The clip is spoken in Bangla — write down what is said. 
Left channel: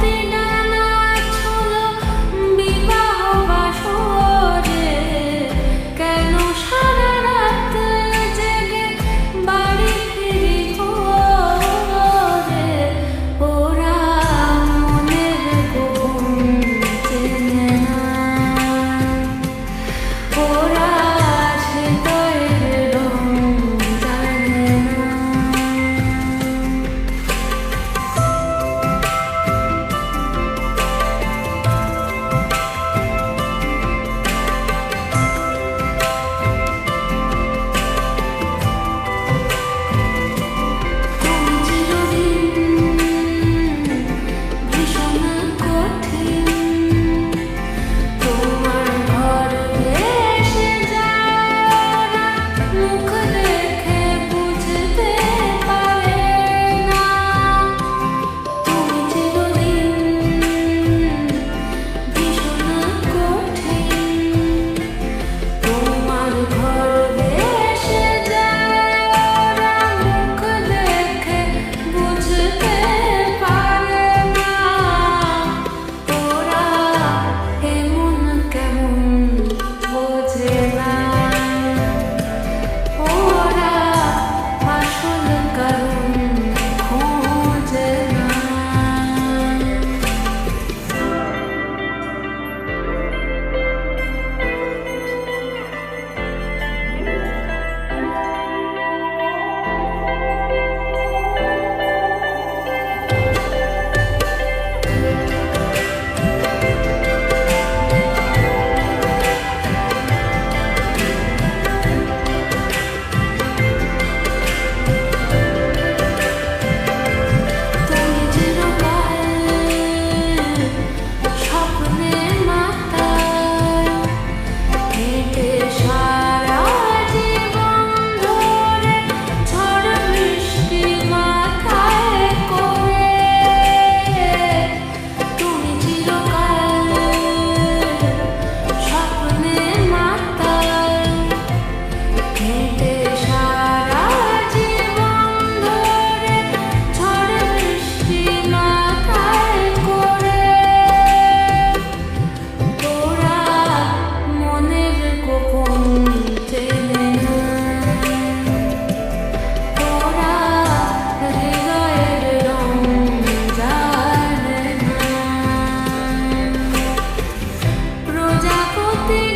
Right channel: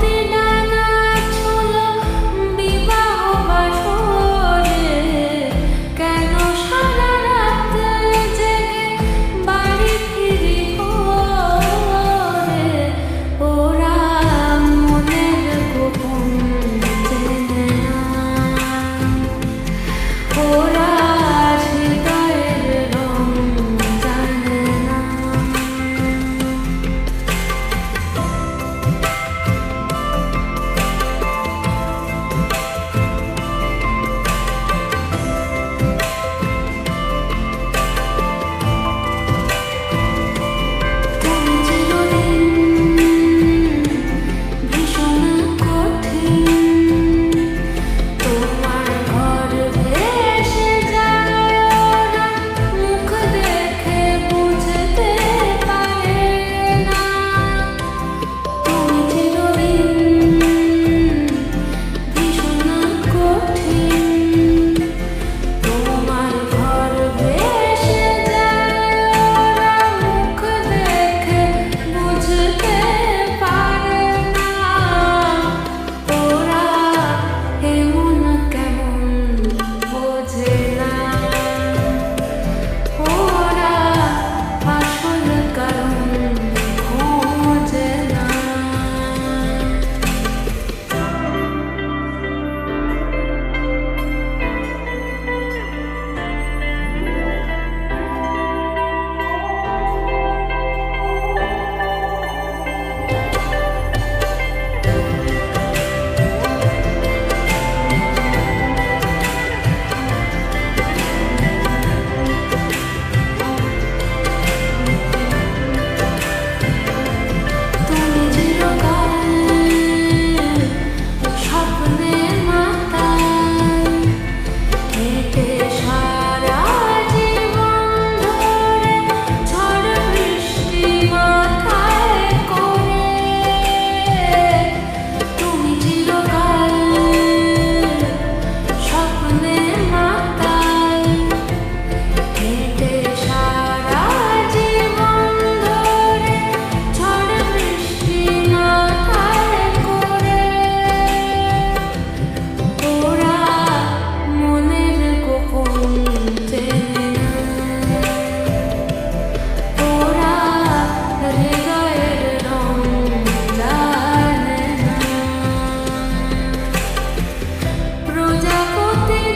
ти প্রজাপতি